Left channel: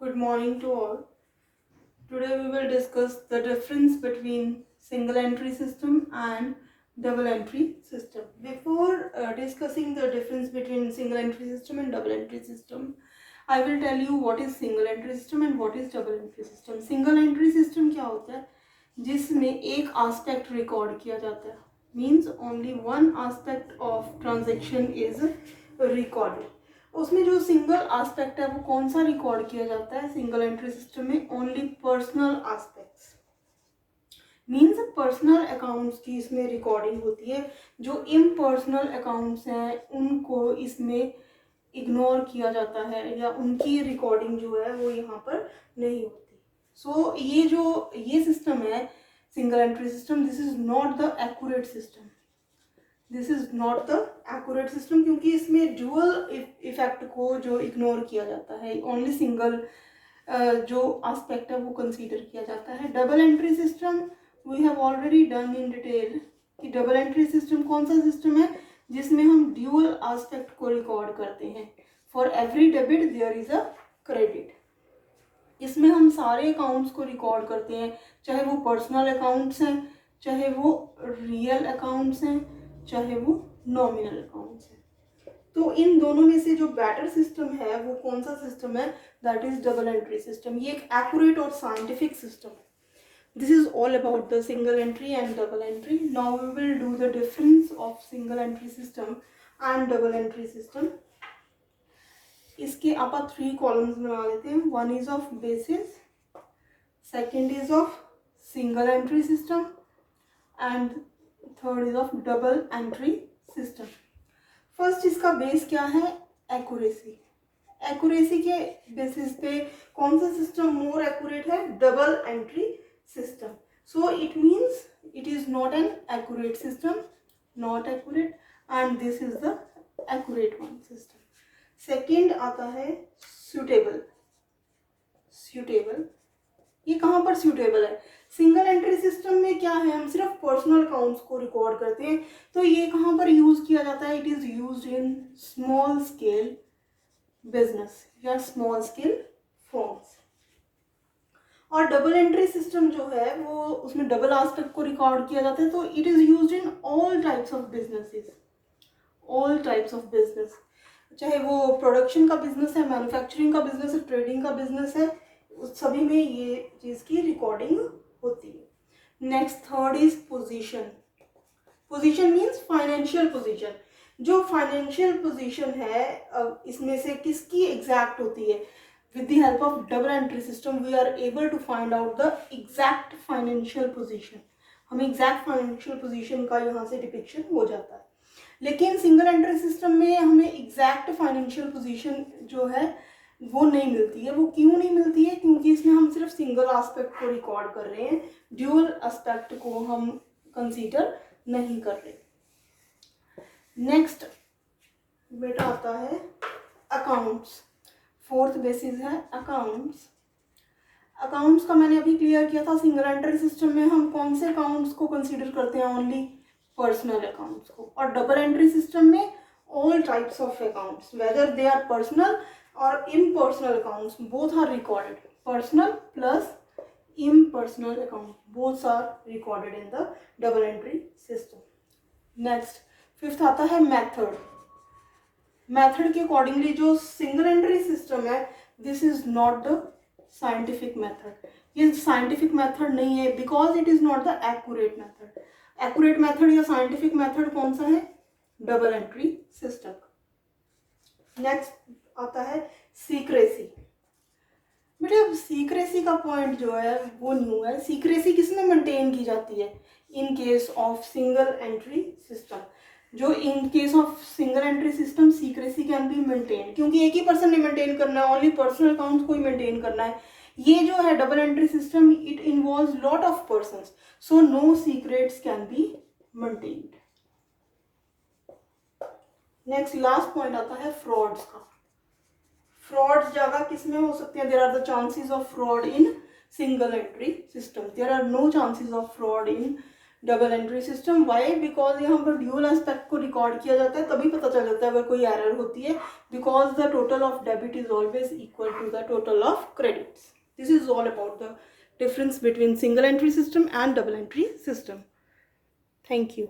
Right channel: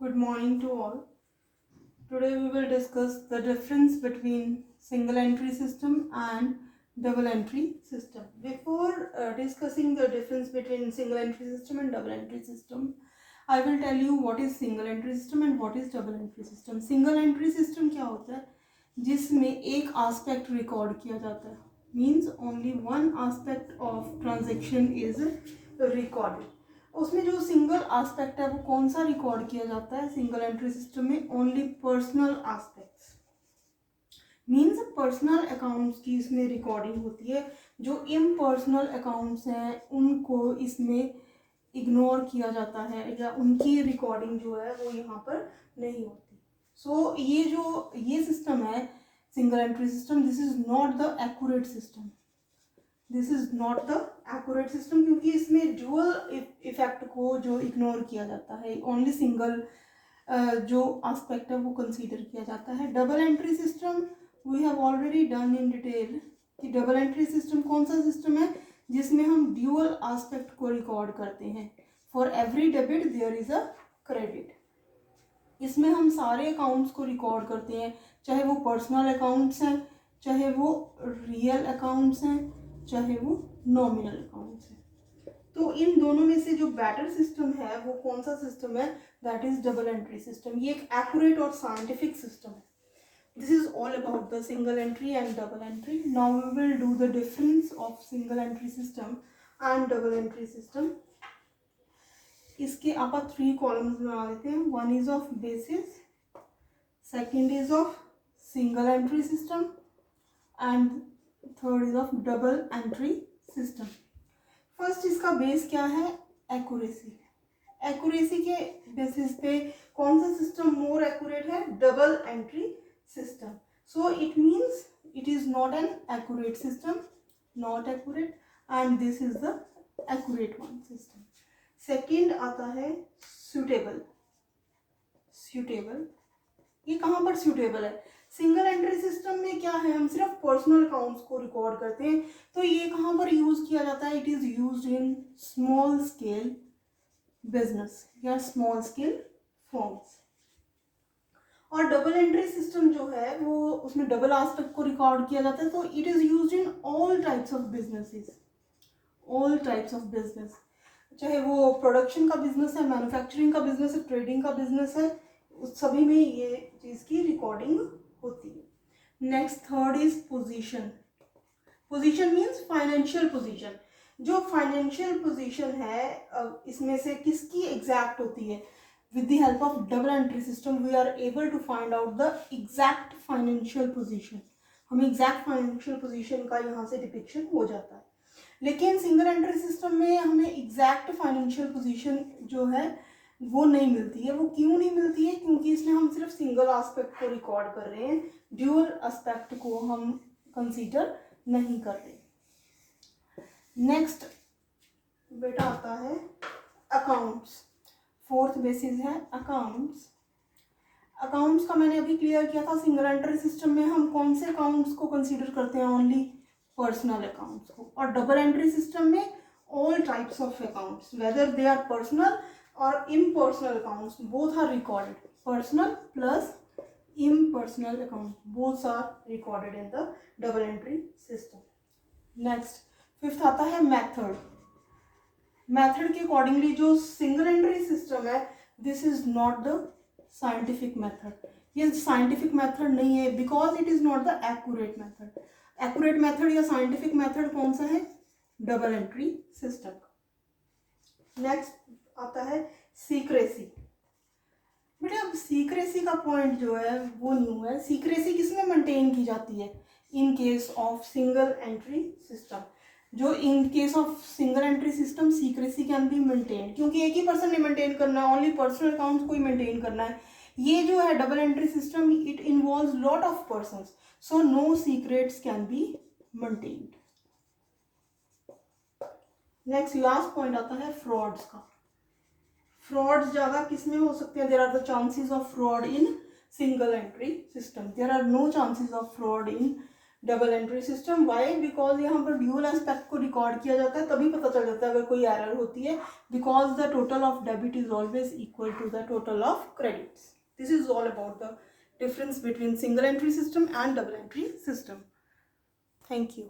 Good morning to all. Today we will discuss the difference between single entry system and double entry system. Before discussing the difference between single entry system and double entry system, I will tell you what is single entry system and what is double entry system. Single entry system क्या होता है? जिसमें एक aspect record किया जाता है. Means only one aspect of transaction is recorded. उसमें जो सिंगल एस्पेक्ट है वो कौन सा रिकॉर्ड किया जाता है सिंगल एंट्री सिस्टम में? Only personal aspects. Means personal accounts की इसमें रिकॉर्डिंग होती है. जो इम्पर्सनल अकाउंट्स हैं उनको इसमें इग्नोर किया जाता है या उनकी रिकॉर्डिंग जो है वो यहाँ पर नहीं होती. सो ये सिस्टम है single entry system. This is not the accurate system. This is not the accurate system क्योंकि इसमें ड्यूअल इफेक्ट को जो इग्नोर किया जाता है, ओनली सिंगल जो एस्पेक्ट है वो कंसीडर किया जाता है. Double entry system we have already done in detail कि डबल एंट्री सिस्टम कौन सा सिस्टम है जिसमें हम ड्यूअल एस्पेक्ट को रिकॉर्ड करते हैं. For every debit there is a credit. इसमें हम सारे अकाउंट्स को रिकॉर्ड करते हैं, चाहे वो पर्सनल अकाउंट्स हैं, चाहे वो रियल अकाउंट्स हैं, चाहे वो नॉमिनल अकाउंट्स हैं. तो इन दोनों में से जो बेटर सिस्टम है वो कौन सा सिस्टम है? That is double entry system. ये एक एक्यूरेट और साइंटिफिक सिस्टम है. This is all about the single entry and double entry. Now we will do the difference of single entry system and double entry system. इसके आप 3 columns बना लेते हैं. One is of basis, second is of single entry system and third is of double entry system. First इसका base क्या है? Accuracy. Accuracy के basis पे कौन सा सिस्टम मोर एक्यूरेट है? Double entry system. So it means it is not an accurate system, not accurate, and this is the accurate one system. Second आता है सुटेबल. सुटेबल ये कहाँ पर सुटेबल है? सिंगल एंट्री सिस्टम में क्या है, हम सिर्फ पर्सनल अकाउंट्स को रिकॉर्ड करते हैं, तो ये कहाँ पर यूज किया जाता है? It is used in small scale business या स्मॉल स्केल फॉर्म्स. और डबल एंट्री सिस्टम जो है वो उसमें डबल एस्पेक्ट को रिकॉर्ड किया जाता है, तो it is used in all types of businesses. All types of business, चाहे वो प्रोडक्शन का बिजनेस है, मैन्युफैक्चरिंग का बिजनेस है, ट्रेडिंग का बिजनेस है, उस सभी में ये चीज की रिकॉर्डिंग होती है. Next third is position. Position means financial position. जो फाइनेंशियल पोजीशन है इसमें से किसकी एग्जैक्ट होती है? With the help of double entry system we are able to find out the exact financial position. हमें एग्जैक्ट फाइनेंशियल पोजीशन का यहाँ से डिपिक्शन हो जाता है. लेकिन सिंगल एंट्री सिस्टम में हमें एग्जैक्ट फाइनेंशियल पोजीशन जो है वो नहीं मिलती है. वो क्यों नहीं मिलती है? क्योंकि इसमें हम सिर्फ सिंगल एस्पेक्ट को रिकॉर्ड कर रहे हैं, ड्यूअल एस्पेक्ट को हम कंसीडर नहीं कर रहे. नेक्स्ट बेटा आता है अकाउंट्स. फोर्थ बेसिस है अकाउंट्स. अकाउंट्स का मैंने अभी क्लियर किया था. सिंगल एंट्री सिस्टम में हम कौन से अकाउंट्स को कंसीडर करते हैं? ओनली पर्सनल अकाउंट्स को. और डबल एंट्री सिस्टम में all types of accounts, whether they are personal or impersonal accounts, both are recorded. Personal plus impersonal account, both are recorded in the double entry system. Next fifth आता है method. Method के accordingly जो single entry system है this is not the scientific method. ये scientific method नहीं है because it is not the accurate method. Accurate method या scientific method कौन सा है? Double entry system. नेक्स्ट आता है सीक्रेसी. बेटा सीक्रेसी का पॉइंट जो है वो न्यू है. सीक्रेसी किसमें मेंटेन की जाती है? In case of single entry system. जो in case of single entry system secrecy can be maintain, क्योंकि एक ही पर्सन ने मेंटेन करना है, ओनली पर्सनल अकाउंट्स को ही मेंटेन करना है. ये जो है double entry system it involves lot of persons, so no secrets can be maintained. Next last point आता है फ्रॉड्स का. फ्रॉड्स ज्यादा किसमें हो सकते हैं? There are the chances of fraud in single entry system. There are no chances of fraud in double entry system. Why? Because यहाँ पर ड्यूअल एस्पेक्ट को रिकॉर्ड किया जाता है, तभी पता चल जाता है अगर कोई एरर होती है, because the total of debit is always equal to the total of credits. This is all about the difference between single entry system and double entry system. Thank you.